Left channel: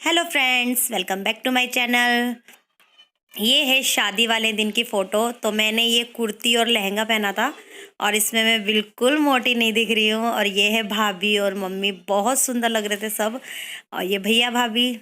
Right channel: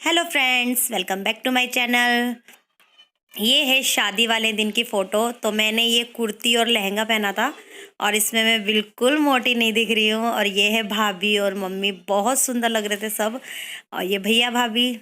Hello friends, welcome back to my channel. ये है शादी वाले दिन की फ़ोटो। तो मैंने ये कुर्ती और लहंगा पहना था और इसमें मैं बिल्कुल मोटी नहीं दिख रही हूँ। और ये है भाभी और मम्मी, बहुत सुंदर लग रहे थे सब। और ये भैया भाभी।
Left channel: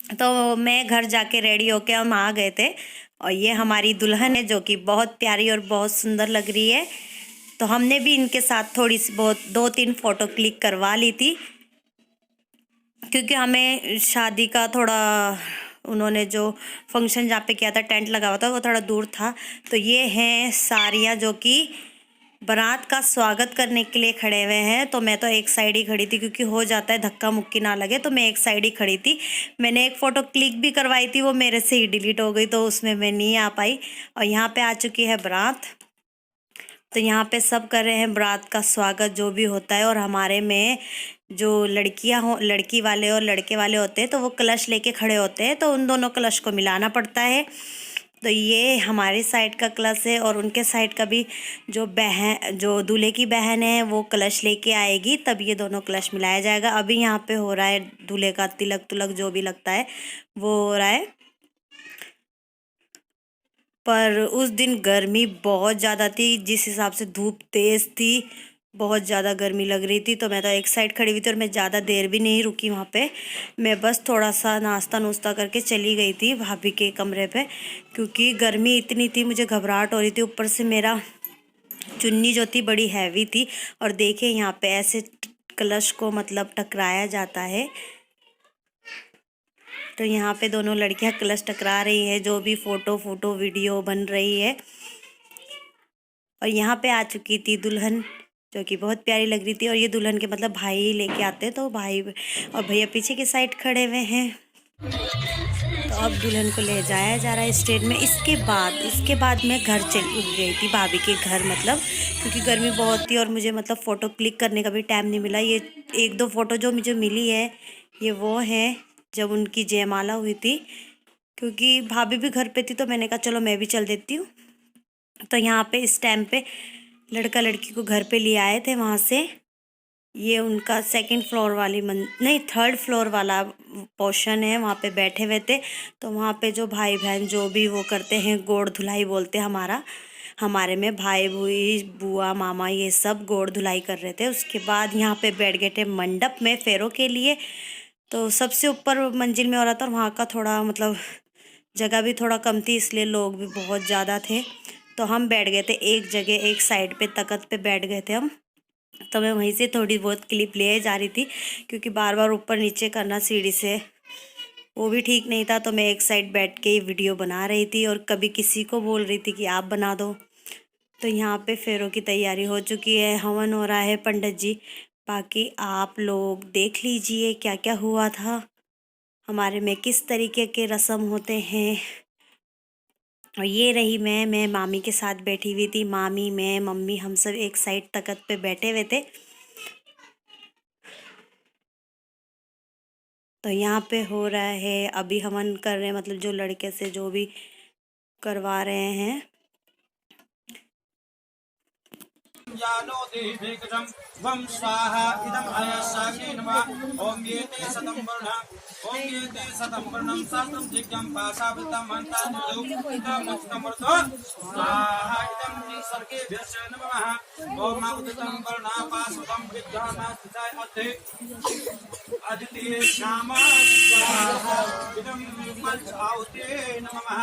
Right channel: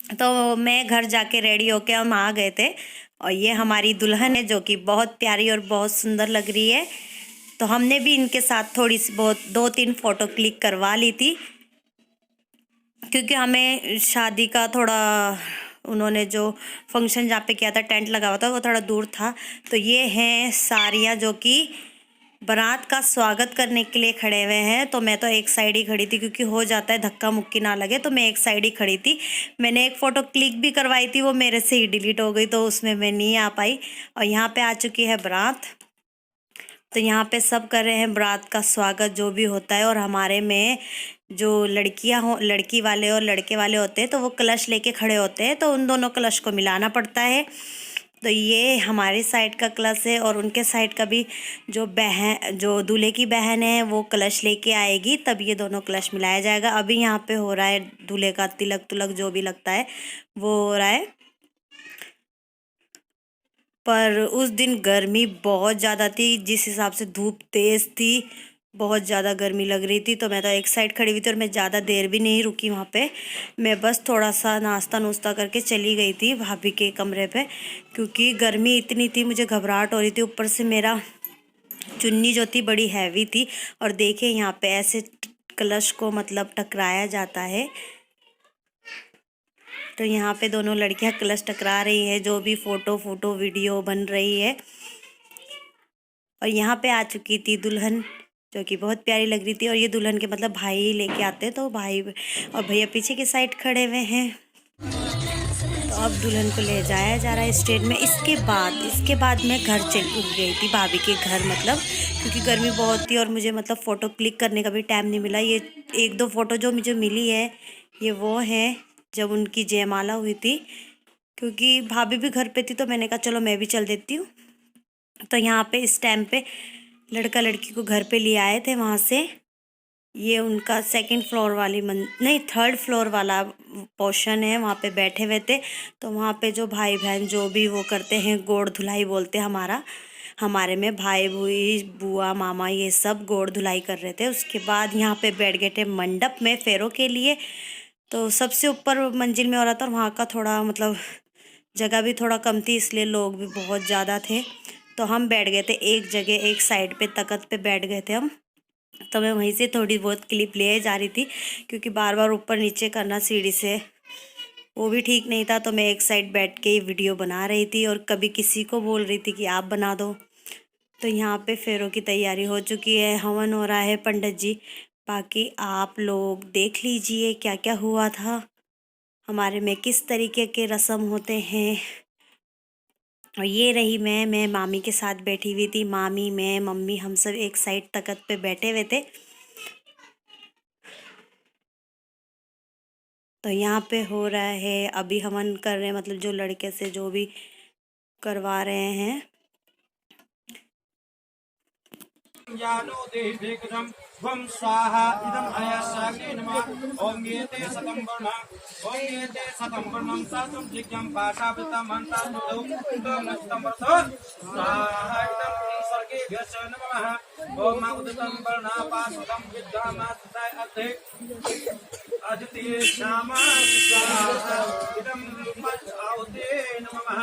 तो मैं घर जाके रेडी होके हम आ गए थे। और ये हमारी दुल्हन है जो कि बहुत प्यारी और बहुत सुंदर लग रही है। तो हमने भी इनके साथ थोड़ी सी बहुत 2-3 फ़ोटो क्लिक करवा ली थी, क्योंकि हमें शादी का थोड़ा, उन्होंने जो फंक्शन जहाँ पे किया था, टेंट लगा हुआ था, वो थोड़ा दूर था। तो ये हैं सारियाँ जो कि बारात का स्वागत करने के लिए खड़े हुए हैं। तो मैं तो एक साइड ही खड़ी थी, क्योंकि हो जाता है धक्का मुक्की ना लगे, तो मैं एक साइड ही खड़ी थी। मैंने एक फ़ोटो क्लिक भी करवाई थी, वो मेरे से ही डिलीट हो गई, तो उसमें मैं नहीं आ पाई। और यहाँ पे आ चुकी है बारात। तो यहाँ पे सब कर रहे हैं बारात का स्वागत जो भी होता है। और हमारे में जो लड़कियां हो, लड़की वाले और लड़के वाले होते हैं, तो वो कलश लेके खड़े होते हैं, तो उन दोनों कलश को मिलाना पड़ता है। तो ये हमारी साइड का कलश है और उनके साइड का भी। जो दूल्हे की बहन है वो कलश लेके आएगी, तब ये दोनों कलश मिलाया जाएगा। अभी यहाँ पे हो रहा है दूल्हे का तिलक तुलक जो भी लगता है वो हो रहा है। पर उस दिन गर्मी बहुत ज़्यादा थी, जिस हिसाब से धूप तेज़ थी, बहुत ज़्यादा गर्मी लग रही थी। तो मैं तो एक साइड खड़ी हुई थी और मैं ज़्यादा देर भी नहीं रुकी वहाँ पे। मैं बस थोड़ा सा नाश्ता नुश्ता करके चली गई थी भाभी के कमरे पे, क्योंकि गर्मी इतनी थी, मुझे घबराहट हो रही थी। ऊपर से मेरा चुन्नी जो थी बड़ी हैवी थी। और देखिए यहाँ पे ऐसे कलश को मतलब टकराया जाता है। तो यहाँ पे दोनों लड़कियां कलश टकरा रही है, जो भी फोटो वीडियो बन रही है। और यहाँ पे आ चुकी थी दुल्हन, जो कि बहुत प्यारी लग रही थी। और ये दुल्हन के मतलब भाई लेके आते हैं, तो भाई और भैया पीछे की साइड खड़े हुए हैं। तो अब दुल्हन को ले जाया जा रहा है स्टेज में। इसके बाद मैं घर चल गई थी, भाभी के घर, मतलब क्योंकि गर्मी बहुत थी और मुझे मतलब फ़ोटो क्लिक करने का भी टाइम नहीं मिला। ये 1-2 फ़ोटो जो मुझे मिली है, ये वो है जब उनकी जयमाला हुई थी। क्योंकि भाभी भी घर पे थी, तो मैंने कहा चलो मैं भी चल देती हूँ। तो यहाँ पे इस टाइम पे लड़का लड़की को घर पे ले आए थे वहाँ से। ये उनका 2nd फ्लोर वाली नहीं, 3rd फ्लोर वाला पोर्शन है, वहाँ पे बैठे हुए थे। तो वहाँ पे जो भाई बहन जो भी वो करते हैं, गोड़ धुलाई बोलते हैं हमारे में, भाई भूई बुआ मामा ये सब गोड़ धुलाई कर रहे थे। उसके बाद यहाँ पे बैठ गए थे मंडप में फेरों के लिए। तो सबसे ऊपर मंजिल में हो रहा था, और वहाँ का थोड़ा मतलब जगह भी थोड़ा कम थी, इसलिए लोग भी बहुत ज़्यादा थे। तो हम बैठ गए थे एक जगह, एक साइड पे तख्त पे बैठ गए थे हम। तो मैं वहीं से थोड़ी बहुत क्लिप ले जा रही थी, क्योंकि बार बार ऊपर नीचे करना सीढ़ी से वो भी ठीक नहीं था। तो मैं एक साइड बैठ के वीडियो बना रही थी और कभी किसी को बोल रही थी कि आप बना दो। तो यहाँ पे फेरों की तैयारी हो चुकी है, हवन हो रहा है, पंडित जी। बाकी आप लोग देख लीजिए क्या क्या हुआ था, हमारे में किस तरीके के रस्म होते हैं। और ये रही मैं मामी के साथ बैठी हुई थी। मामी, मैं, मम्मी, हम सब एक साइड तख्त पे बैठे हुए थे। तो यहाँ पे हो रहा है, अभी हवन कर रहे हैं, मतलब जो लड़के से जो भी करवा रहे हैं। यानो देशेकजं वं स्वाहा इदं अयस्साग्ने नमः। ओम येते शतं वर्णः, ओम येते शतं वर्णं सहस्रं दिग्गं पाशावृतमन्तान्युतो तमस्तमर्थ स्वाहा इदं सर्गेभ्यश्च नमः। ओम उदितं वर्णः पाशुतं विद्वानास्ताय अध्ये अदिति श्यामा स्वाहा इदं पंच आहुते नमः।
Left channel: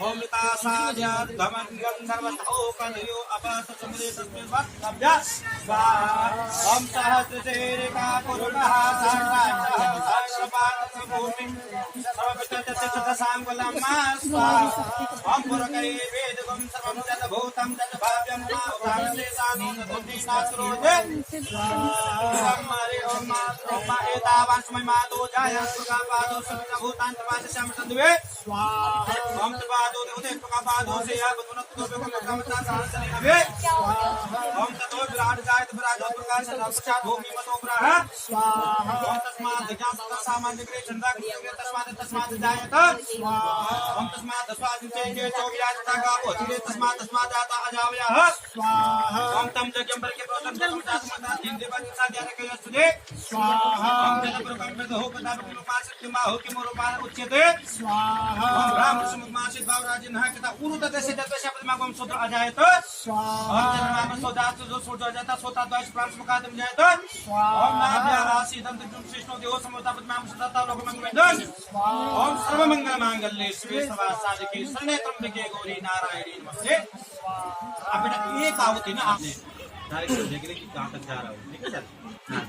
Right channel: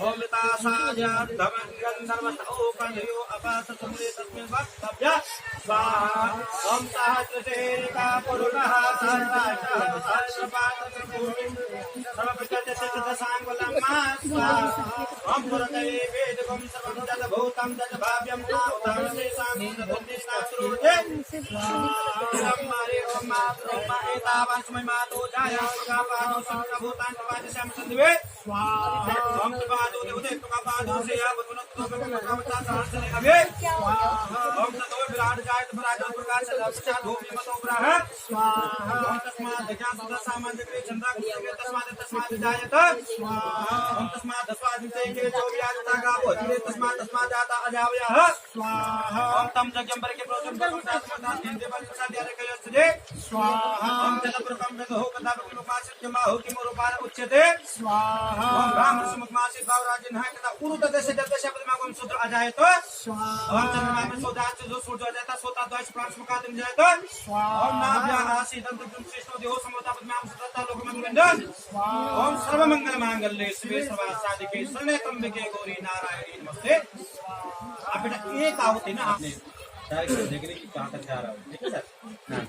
ओम तासाद्यमङ्गन्धर्वतो कलयो अपससमुदे तस्मिन् वक्तव्य स्वाहा। ओम सहस्रचेरिका पुरुषः सहस्राक्षः सहस्रपादसभूमि सर्वपितृतिष्ठसाङ्कुलं स्वाहा। ओम पुरकै वेदगुं सर्वं जगभूतं जगभाव्यं मा उदाहरणेषां नासरोजे इदं हरि ओम एतावान् समय मातो जाय सुखापादो सर्वभूतान् तवादशं सद्वे स्वाहा। ओम तपादो देवते तकापादो से या बुद्धनतो बेकमता सहस्र अभे स्वाहा। ओम ततो विराट जायत विराट प्रकाश साक्षात् भूमि मतो ब्रह स्वाहा। ओम तस्मात् ज्ञान सामान विग्रह चंद्रा कृष्ण तस्मात् जायत स्वाहा ओम तस्मात् तस्मात् जो भी आता का वो जिग्रे तस्मात् जाता अजावयः स्वाहा ओम तम जगंबर के प्रोजन तस्मात् तीन देवा के साथ यारे के यस्ते स्वाहा ओम जगप्रकम में हो कदा रूपासित माहो कि रूपान उच्यते स्वाहा ओम ब्राह्मण समुद्मासित भावराजन है कदा उरुत दशे दशे पद्मागम सूत्र अजायत स्वाहा ओम चंद्रमा में सोदात जो सूर्य जाता सोता द्वैष प्राण मुकादम जायत स्वाहा ओम नाभ्या आसी दंत विष्णु देव समता पद्माम सदा लोक मंगलम स्वाहा ओम सर्व मंगल मांगल्ये शिवे सर्वा साधिके शरण्ये त्र्यंबके गौरी नारायणी नमस्ते स्वाहा। अब बेटा ये कहावत है ना आपने डायरेक्ट देखने की कहां तक जा रहा हूं ठीक है सर हां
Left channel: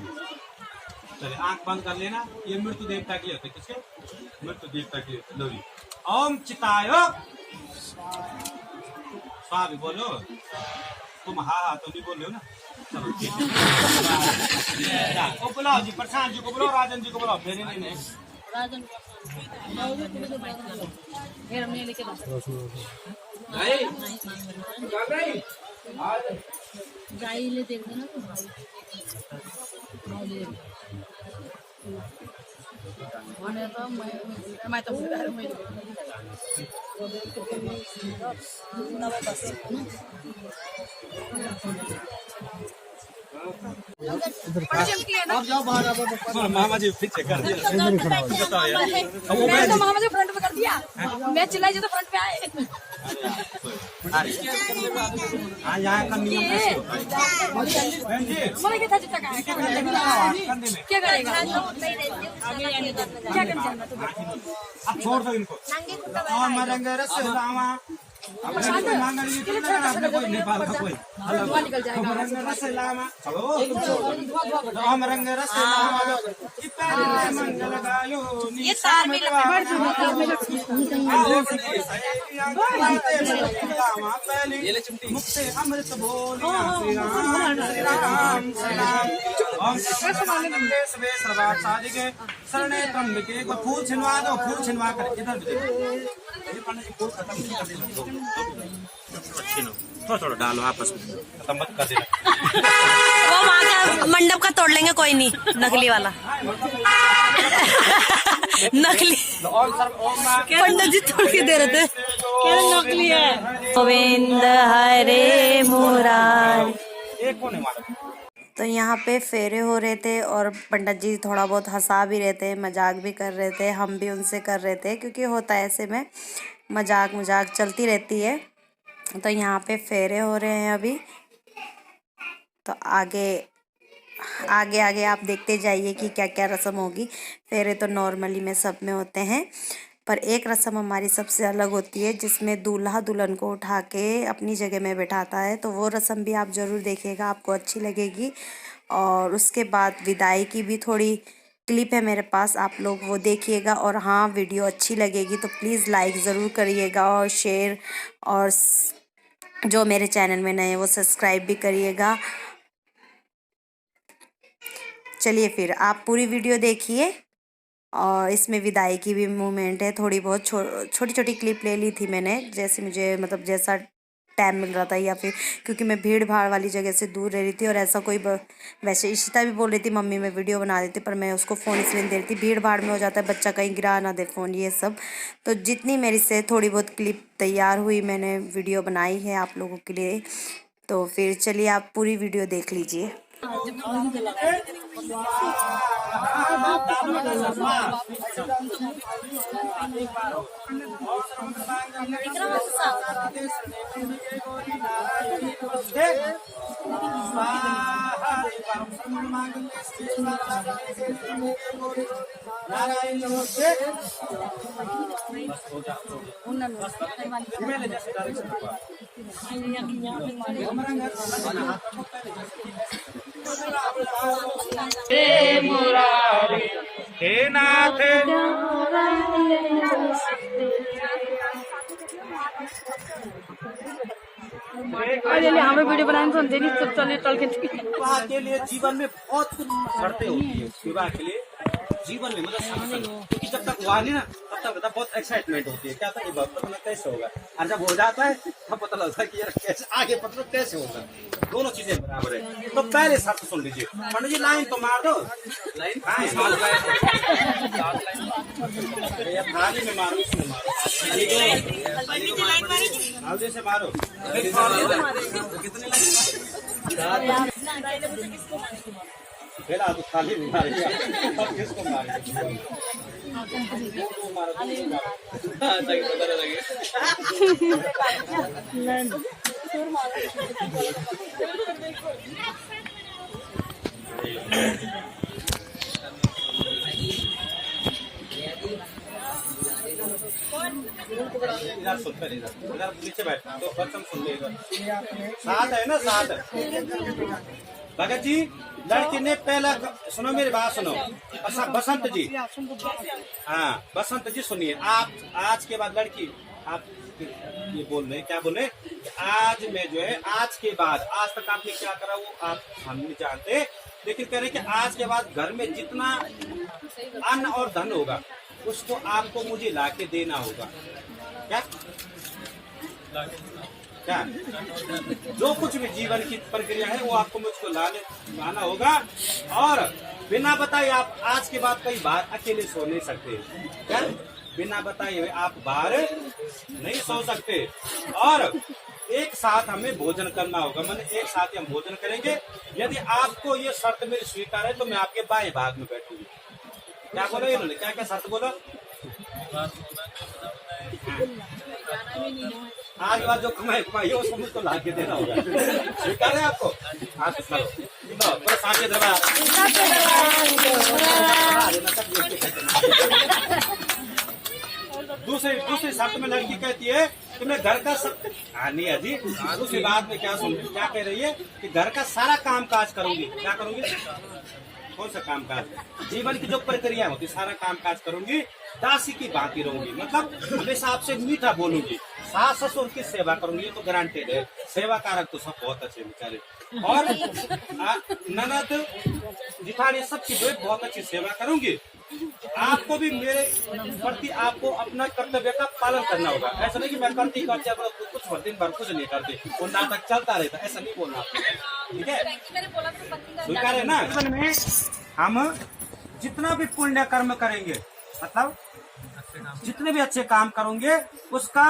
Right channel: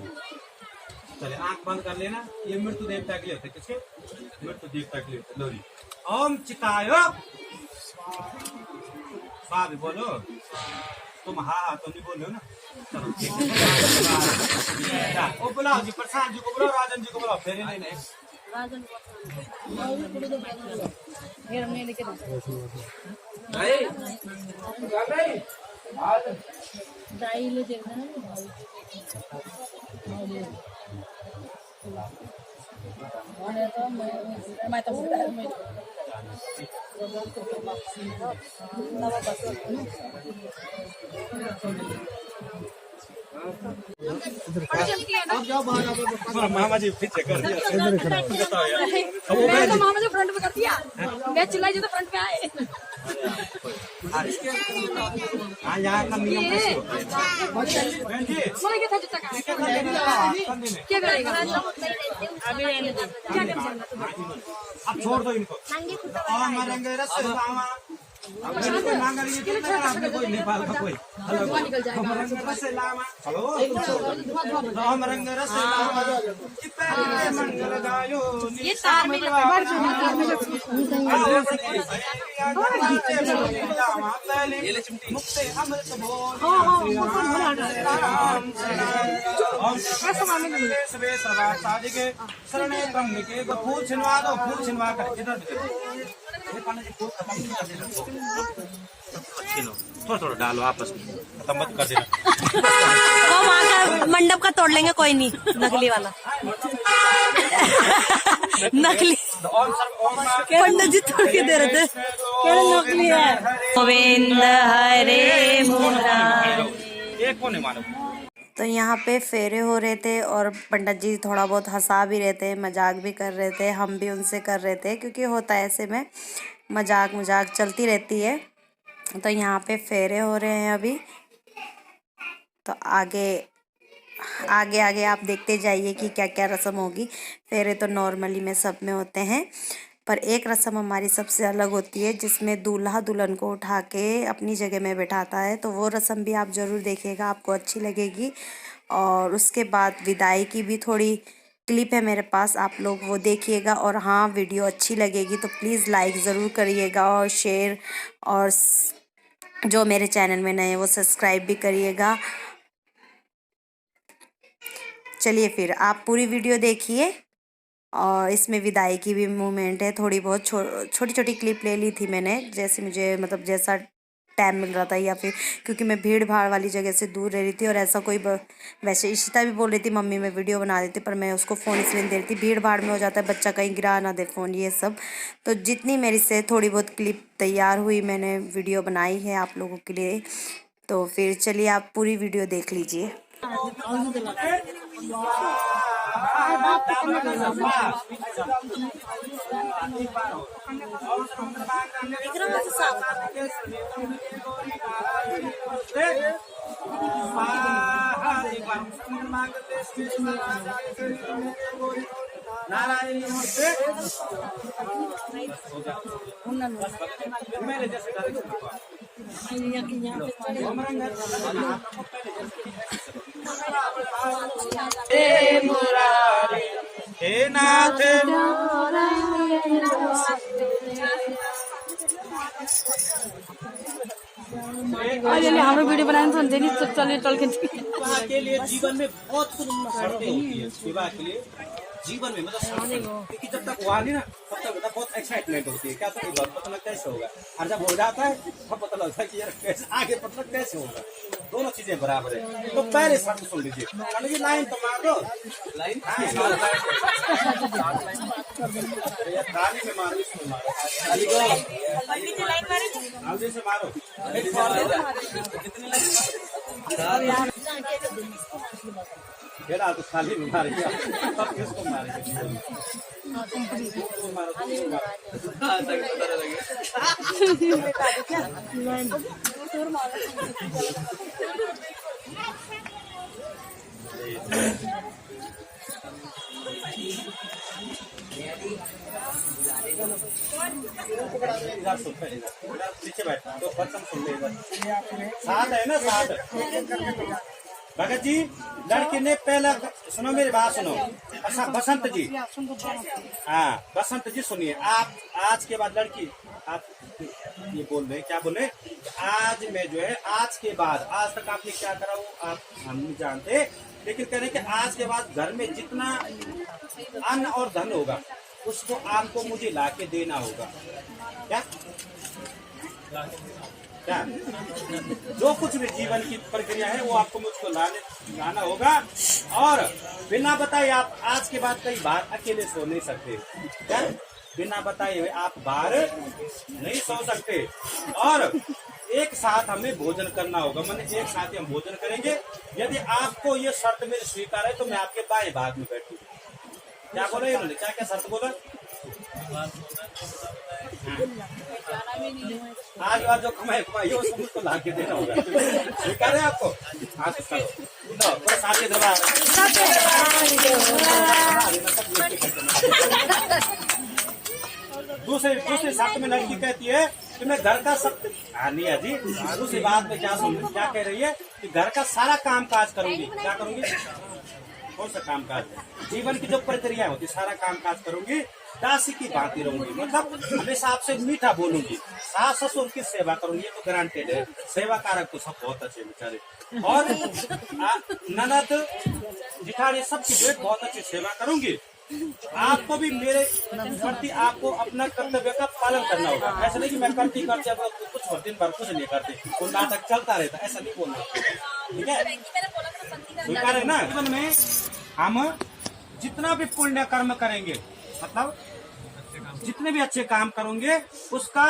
चलिए आंख बंद कर लेना। ये मृत्यु देवता के लिए होते किसके मृत्यु देवता के लिए होते। लो जी ओम चिताय स्वाहा भी बोलो तुम हाँ तुम भी बोल रहे हो ना चलो ठीक है। ओ बुलाओ जी प्रशांत जी को बुलाओ राजन जी को बुलाओ फेरे लेने राजन लेके गाय ले देखना मैं तो मामा जी पीछे कर दिया मामा जी फ्रंट में कर दिया मैं चिल्लाई जो तो फ्रंट पे आए। हाँ यहाँ का नियम कैसे होता है बहन जी क्या करेगा अब छोड़ दो इनको और मरेंगे रसलामा अब मांगा आपने कोई नेपाल का कोई हेलो रंग रसलामा हेलो हम रंग रसलामा मंगल गायो मुक्ति अमृत बोलो सबे सवा साजिके शरणे त्र्यंबके फूल छिनवा दो फूल छिनवा कर इधर फूल खत्म नहीं कर देना थोड़ा डालो आपस में खत्म मत कर देना। वो वहाँ का मंडप का तोड़ लेंगे कोई नहीं नकली वाला नकली पंडित जी तोड़ के दे रहे थे नकली है। गोविंद हरे मुरारी। तो यहाँ पे फेरे हो रहे थे और पंडित जी थोड़ा बहुत हंसा भी रहे थे मजाक भी कर रहे थे हम भी उनसे कर रहे थे क्योंकि होता है ऐसे में मजाक चलती रहती है। तो यहाँ पे फेरे हो रहे हैं अभी तो आगे आप देखते जाइए कि क्या क्या रस्म होगी। फेरे तो नॉर्मली में सब में होते हैं पर एक रस्म हमारी सबसे अलग होती है जिसमें दूल्हा दुल्हन को उठा के अपनी जगह में बैठाता है। तो वो रस्म भी आप ज़रूर देखिएगा आपको अच्छी लगेगी। और उसके बाद विदाई की भी थोड़ी क्लिप है मेरे पास आप लोग वो देखिएगा। और हाँ वीडियो अच्छी लगेगी तो प्लीज़ लाइक ज़रूर करिएगा और शेयर और जो मेरे चैनल में नए हैं वो सब्सक्राइब भी करिएगा। चलिए फिर आप पूरी वीडियो देखिए और इसमें विदाई की भी मूवमेंट है। थोड़ी बहुत छोटी छोटी क्लिप ले ली थी मैंने जैसे मुझे मतलब जैसा टाइम मिल रहा था या फिर क्योंकि मैं भीड़ भाड़ वाली जगह से दूर रह रही थी। और ऐसा कोई वैसे इशिता भी बोल रही थी मम्मी मैं वीडियो बना देती पर मैं उसको फ़ोन इसलिए दे रही थी भीड़ भाड़ में हो जाता है बच्चा कहीं गिरा ना दे फ़ोन ये सब। तो जितनी मेरी से थोड़ी बहुत क्लिप तैयार हुई मैंने वीडियो बनाई है आप लोगों के लिए। तो फिर चलिए आप पूरी वीडियो देख लीजिए। हे मुरारी हे नाथ हमें वीडियो बनाने तो देखिए सब चल के विवाह के लिए जीवन में बहुत कुछ शर्तें होती है। विवाह के लिए जीवन में मतलब संगठन, क्योंकि जब तक हुआ नहीं ना तब तक मतलब बहुत एक्साइटमेंट होती है, क्या था ये पता नहीं कैसे होगा, और जब हो जाता है तब पता लगता है कि यार कैसे आगे मतलब कैसे होगा। दोनों चीजें बराबर है। तो पहले शर्त सुन लीजिए पंडित जी, लाइन तो मार दो, लाइन थाली में मारो, इसमें मारो, आगे से मारो, कितनी लाइन खेला तो थाली में मारेगा, अब किसको मारेगा, मारो इधर सुन, इधर नीचे बैठ तो खत्म सुन ले, इधर साथ है ना, साथ भगत जी। लड़की ने पहला, सुनो मेरी बात सुनो, अच्छा बसंत जी, हाँ बसंत जी सुनिए, आप आज के बाद लड़की, आप ये बोल रहे क्या बोल रहे, आज मैं जो है आज के बाद, आज तक आपने क्या करा वो आप हम नहीं जानते, लेकिन कह रहे कि आज के बाद घर में जितना अन्न और धन होगा उसको आपको मुझे लाके देना होगा। क्या क्या जो कुछ भी जीवन की प्रक्रिया है वो आपको मुझको लाना होगा, और बिना बताए आप आज के बाद कई बार अकेले सो नहीं सकते। क्या बिना बताए हुए आप बाहर नहीं सो सकते, और एक साथ हमें भोजन करना होगा, मैंने एक साथ ही हम भोजन करेंगे। यदि आपको ये शर्त मेरी स्वीकार है तो मैं आपके बाएं भाग में बैठूंगी। क्या बोला इन्होंने, क्या क्या शर्त बोला, आज बार जो कमाई वो सब मुझको ला के देना होगा, स्वीकार है आपको, हाँ तो साथ दरबार दूसरी शर्त में लड़की कहती है कि मैं घर का सब, नहीं है जी, दूसरी बात में क्या क्या कह रही है कि घर का सारा काम काज करूंगी। क्या करूंगी, कौन सा काम काज, जीवन की जो प्रक्रिया होती सारा काम काज करूंगी, दासी की भांति रहूंगी, मतलब हमेशा आपसे मीठा बोलूंगी, सास ससुर की सेवा करूंगी, ये तो गारंटेड है, सेवा कारक तो सब बहुत अच्छे बेचारे, और ननद जिठानी सबकी जो है बहुत अच्छी सेवा करूंगी। आपको भी मेरे प्रति आपको अपना कर्तव्य का पालन करना होगा। ऐसा नहीं कि मैं करती कुछ दिन भर कुछ नहीं करती, वो नाटक चलता रहता, ऐसा नहीं बोलना, ठीक है, स्वीकार है ना। जीवन में हम जितना भी पुण्य कर्म करेंगे, मतलब जितने भी अच्छे काम करोगे उसका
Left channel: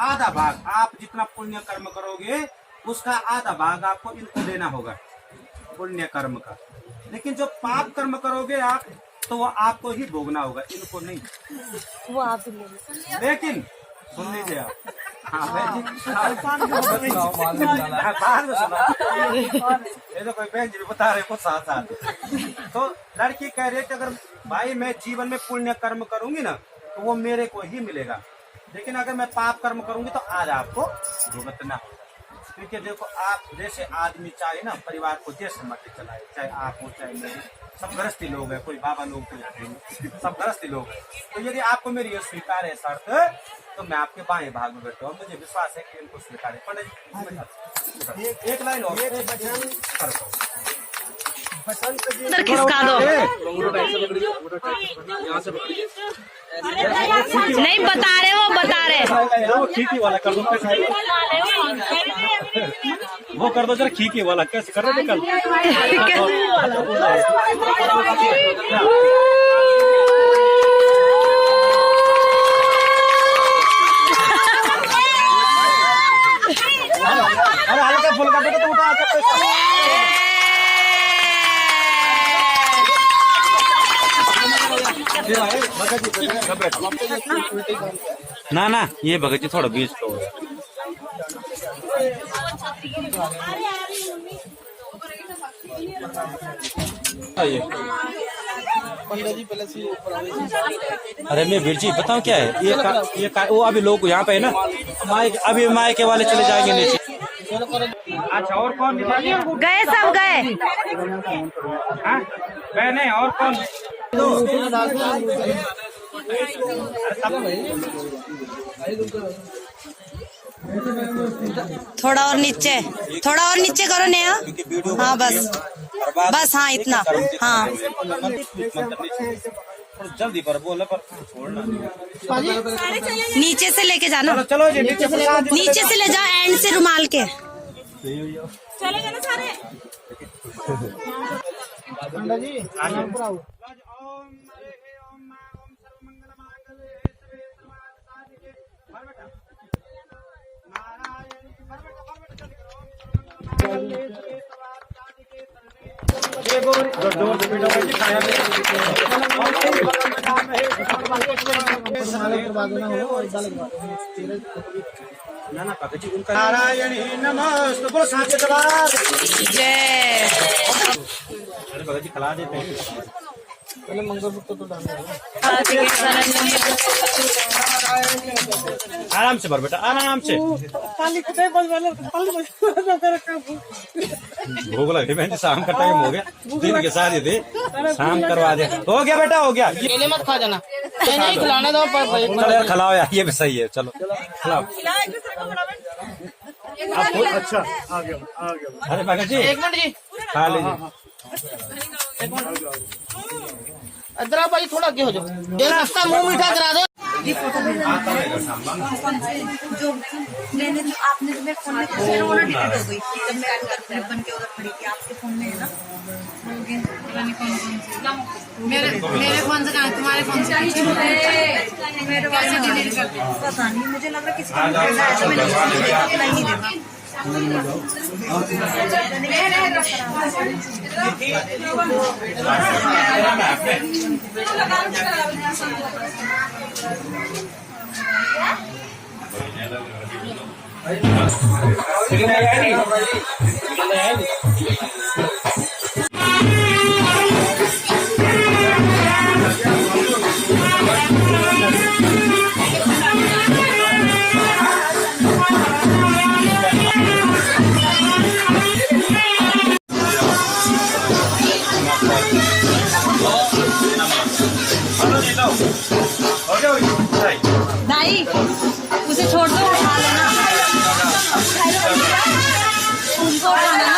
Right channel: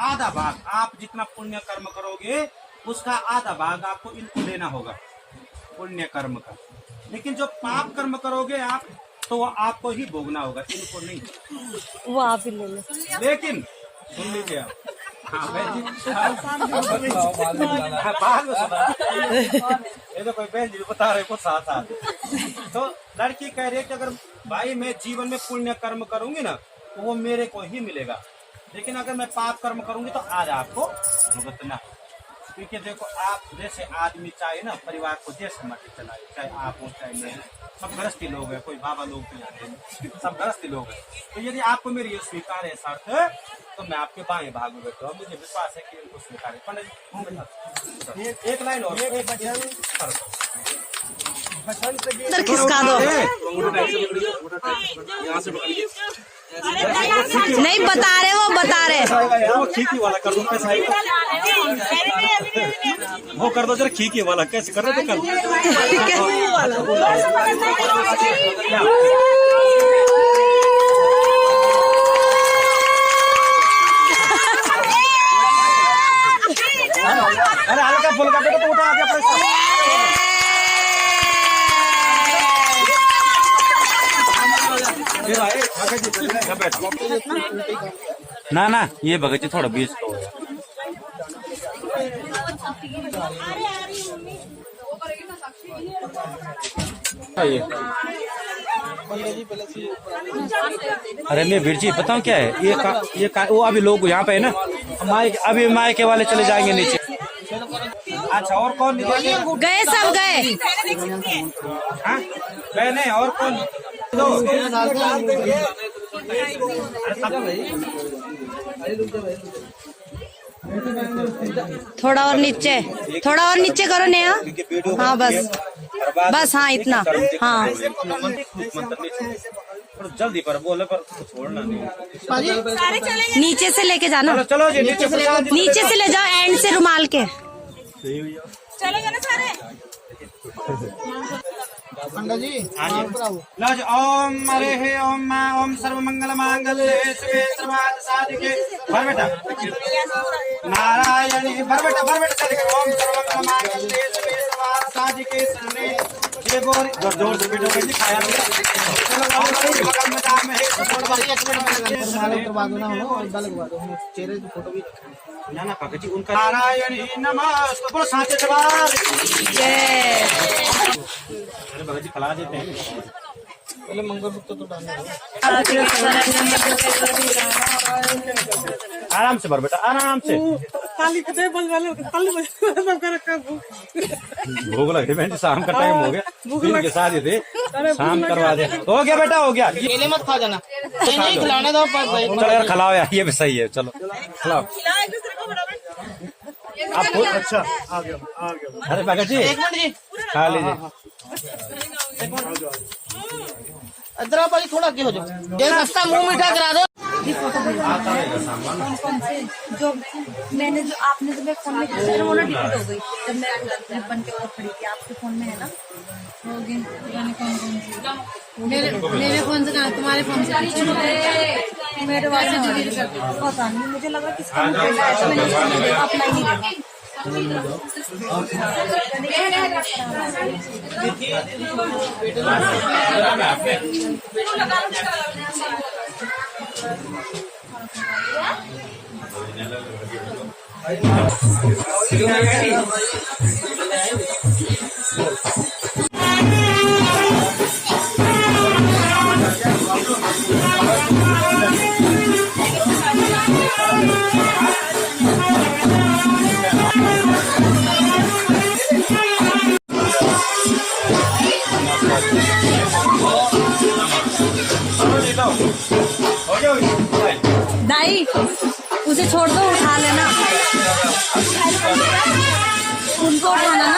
आधा भाग, आप जितना पुण्य कर्म करोगे उसका आधा भाग आपको इनको देना होगा, पुण्य कर्म का। लेकिन जो पाप कर्म करोगे आप तो वो आपको ही भोगना होगा, इनको नहीं, वो आप ही ले लो। लेकिन सुन लीजिए आप, हाँ बहन जी ये तो कोई बहन जी बता रहे कुछ साथ साथ, तो लड़की कह रही है कि अगर भाई मैं जीवन में पुण्य कर्म करूंगी ना तो वो मेरे को ही मिलेगा, लेकिन अगर मैं पाप कर्म करूंगी तो आज आपको भुगतना होगा। क्योंकि देखो आप जैसे आदमी चाहे ना परिवार को जैसे मर्जी चलाए, चाहे आप हो चाहे मैं, सब गृहस्थी लोग हैं, कोई बाबा लोग तो यहाँ नहीं, सब गृहस्थी लोग हैं। तो यदि आपको मेरी ये स्वीकार है शर्त तो मैं आपके बाएं भाग में बैठूँ, मुझे विश्वास है कि इनको स्वीकार है। पंडित जी एक लाइन और खिसका दो, नहीं बता रहे वो बता रहे, वो खींची वाला कर दो, वो कर दो जरा खींची वाला, कैसे कर रहे थे कल अरे हल्का फुल्का बेटा तो उठा दिया पैसा। ना ना ये भगत जी थोड़ा बीच तो अरे नहीं वीर जी बताओ क्या है ये वो अभी लोग यहाँ पे है ना, अभी मायके वाले चले जाएंगे नीचे। अच्छा और कौन गए, सब गए, गए नहीं, और कौन थोड़ा और नीचे करो नेहा, हाँ बस बस हाँ इतना हाँ जल्दी पर बोले पर छोड़ना नहीं। नीचे से लेके जाना, चलो जी नीचे से नीचे से ले जाओ एंड से रुमाल के। चलो चलो सारे पंडा जी लज ओम हरे हे ओम मा ओम सर्व मंगल मांगल्ये शिवे सर्वार्थ साधिके भर बेटा नारायणी भर बेटा चल ओम सर्व मंगल मांगल्ये शिवे सर्वार्थ साधिके शरणे ये बोल जोर से बेटा बैठ खाया चलो भगवान में नाम है और बाकी एक मिनट माला करवा दो ना और डाल लगवा दो चेहरे की फोटो भी ना पागल जी उनका नारायणी नमस्ते बोलो साचे जवाब जय। अरे भगत जी खिला देते हैं पहले मंगलसूत्र तो डालना आराम से भर बेटा आराम से भूख लगी बहन शाम का टाइम हो गया दिन के साथ ही थे शाम करवा दे हो गया बेटा हो गया ये मत खा जाना खिलाना दो चलो यार खिलाओ यार ये भी सही है चलो खिलाओ अच्छा आ गया अरे भगत जी एक मिनट जी खा लीजिए इधर भाई थोड़ा आगे हो जाओ एक रास्ता मुंह मीठा करा दे। जो मैंने जो आपने जो मेरे फोन में खींची ना वो ना डिलीट हो गई जब मैं क्लिप बन के उधर खड़ी थी। आपके फोन में है ना मेरे फोन से कहा तुम्हारे फोन से मेरे पास पता नहीं मुझे लग रहा किसी का भेजा है तो मैंने अपना ही देखा। दाई उसे छोड़ दो उठा लेना उनको उठाना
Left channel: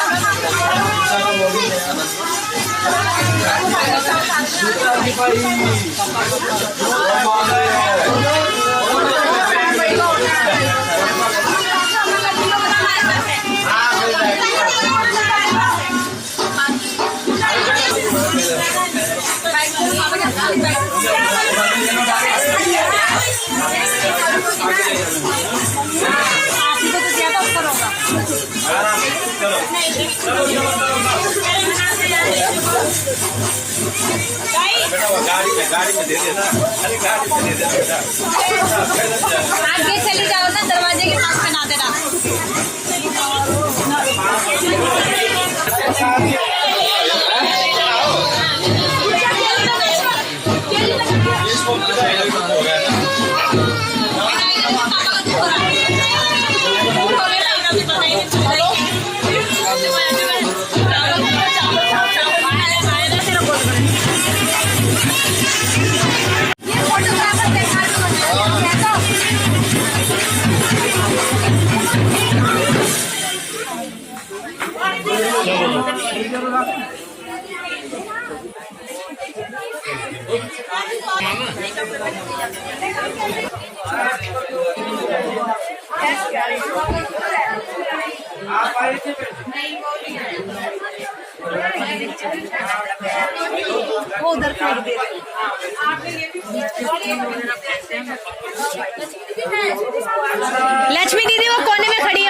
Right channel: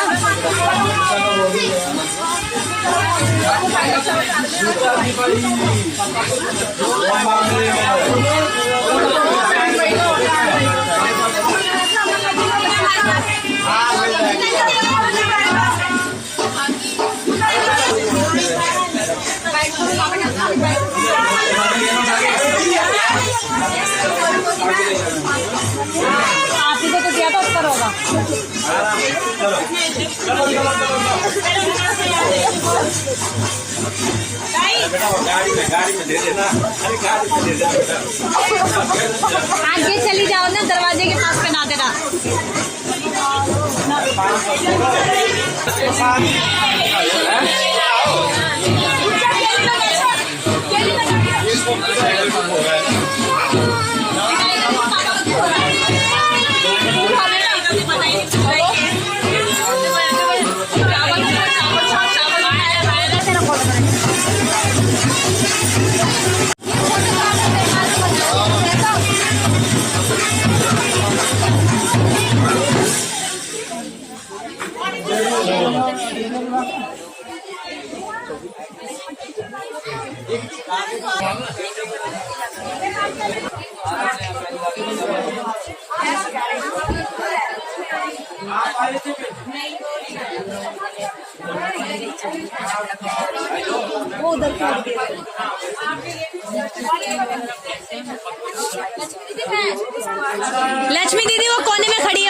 आप ही को तो ज्यादा ऊपर होगा। गाड़ी में दे देना अरे गाड़ी में दे देना आगे चली जाओ ना दरवाजे के पास पहना देना। वो उधर फेंक दे लक्ष्मी दीदी वो कोने में खड़ी